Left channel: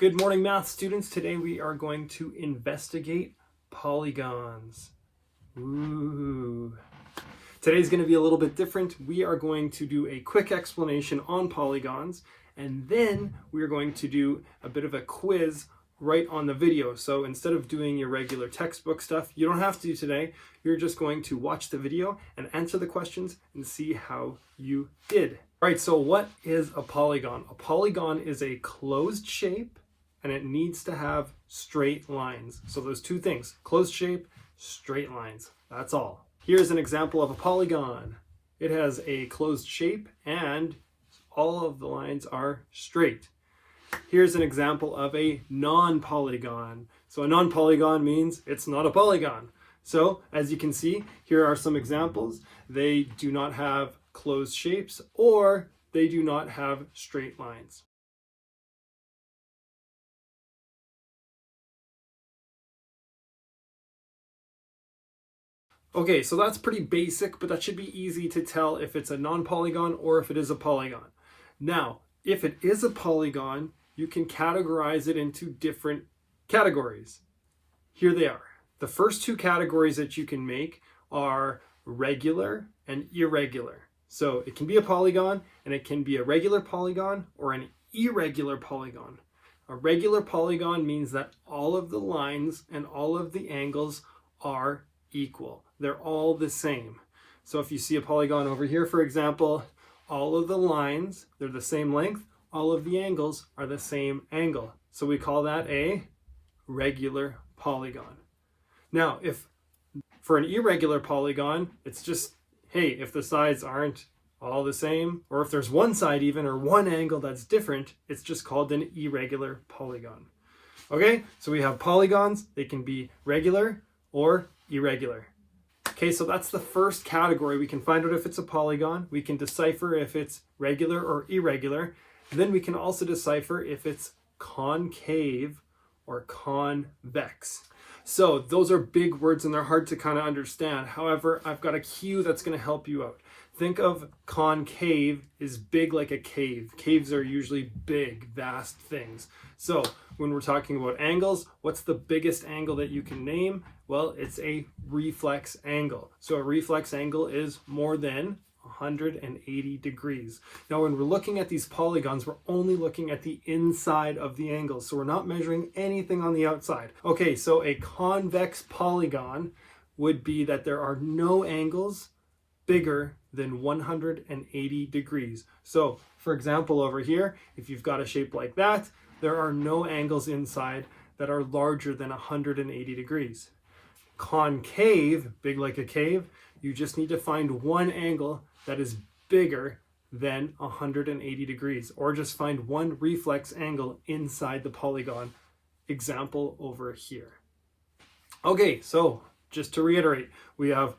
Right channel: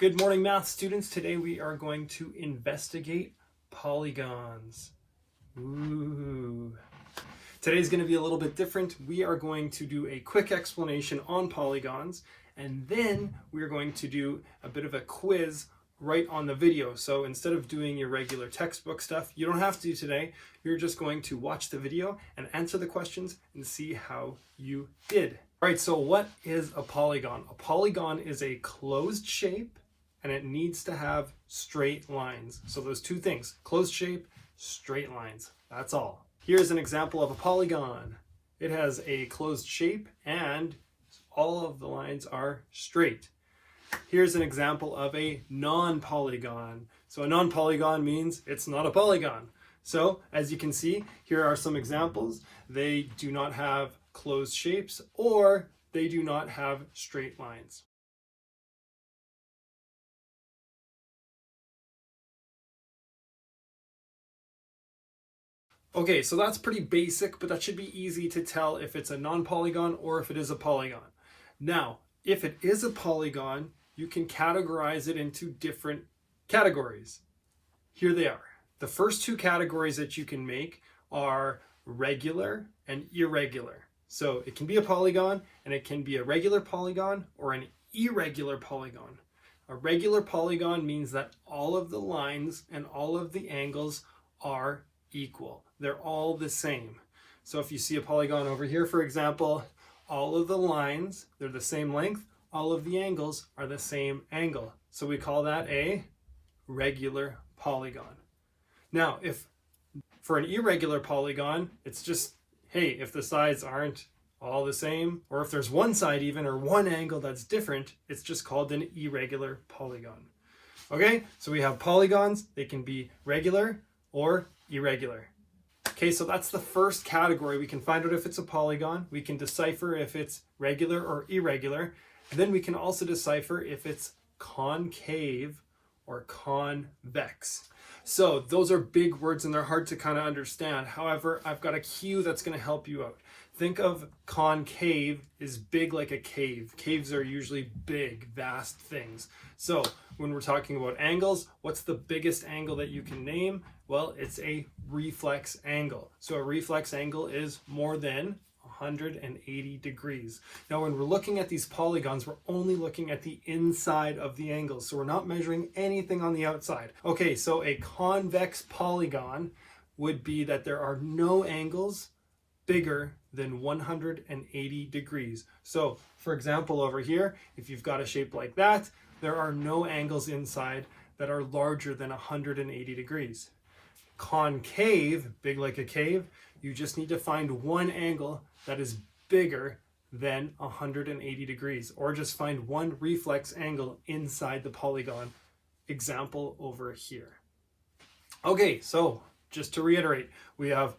Good morning, math students. Today we are going to investigate polygons. Ooh. Today's going to be a little bit different. We are going to do a quick explanation on polygons, and then we're going to do a bit of a quiz right on the video. So instead of doing your regular textbook stuff, you don't have to today. You're just going to watch the video and answer the questions and see how you did. All right, so what is a polygon? A polygon is a closed shape and it needs to have straight lines. So those two things, closed shape, straight lines, that's all. Here's an example of a polygon. It has a closed shape and all of the lines are straight. Here's an example of a non-polygon. So a non-polygon means it's not a polygon. So as you can see, here are some examples. They do not have closed shapes or they do not have straight lines. Okay, so that's pretty basic, but that should be easy to tell if it's a non-polygon or if it is a polygon. Now, if it is a polygon, you can categorize it into different categories. Here they are. The first two categories that you can make are regular and irregular. So it can be a polygon and it can be a regular polygon or an irregular polygon. A regular polygon means that all of the lines and all of the angles are equal. They're all the same. So if you see a polygon over here, for example, all of the lines, they're the same length, all of the angles are the same angle. So we call that a regular polygon. Now, if for an irregular polygon, it's just, hey, if the sides aren't all the same, or if there's one side even, or one angle that's different, it's just called an irregular polygon. Okay, so we have polygons. They can be regular or irregular. Okay, so that's the first category. We can find out if it's a polygon. We can decipher if it's regular or irregular. And then we can also decipher if it's concave or convex. So those are big words and they're hard to kind of understand. However, I've got a cue that's going to help you out. Think of concave is big like a cave. Caves are usually big, vast things. So when we're talking about angles, what's the biggest angle that you can name? Well, it's a reflex angle. So a reflex angle is more than 180 degrees. Now, when we're looking at these polygons, we're only looking at the inside of the angles. So we're not measuring anything on the outside. Okay, so a convex polygon would be that there are no angles bigger than 180 degrees. So for example, over here, if you've got a shape like that, there are no angles inside that are larger than 180 degrees. Concave, big like a cave, you just need to find one angle that is bigger than 180 degrees, or just find one reflex angle inside the polygon. Example over here. Okay, so just to reiterate, we have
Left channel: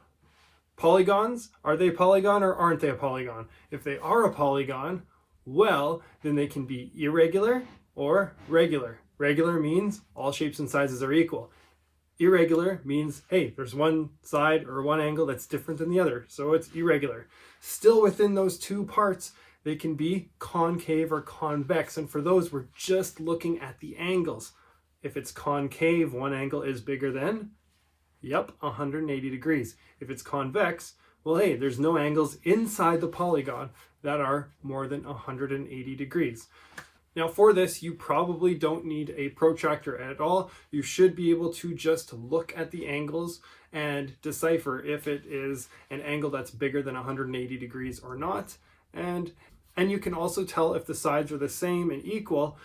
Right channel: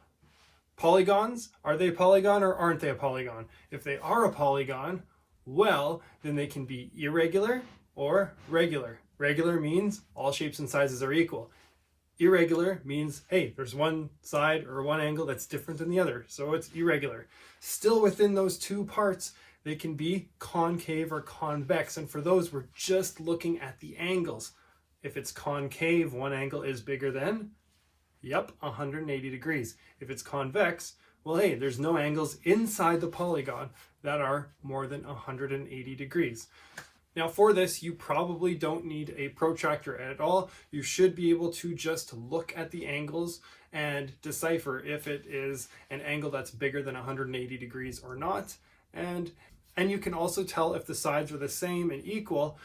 polygons. Are they a polygon or aren't they a polygon? If they are a polygon, well, then they can be irregular or regular. Regular means all shapes and sizes are equal. Irregular means, hey, there's one side or one angle that's different than the other, so it's irregular. Still within those two parts, they can be concave or convex, and for those, we're just looking at the angles. If it's concave, one angle is bigger than, yep, 180 degrees. If it's convex, well, hey, there's no angles inside the polygon that are more than 180 degrees. Now for this, you probably don't need a protractor at all. You should be able to just look at the angles and decipher if it is an angle that's bigger than 180 degrees or not. And you can also tell if the sides are the same and equal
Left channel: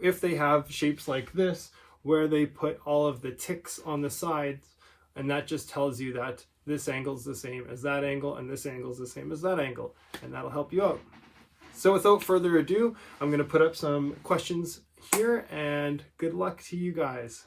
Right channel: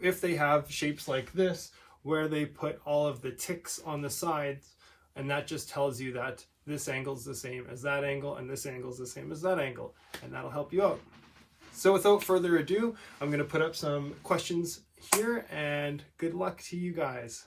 if they have shapes like this, where they put all of the ticks on the sides, and that just tells you that this angle is the same as that angle and this angle is the same as that angle, and that'll help you out. So without further ado, I'm going to put up some questions here, and good luck to you guys.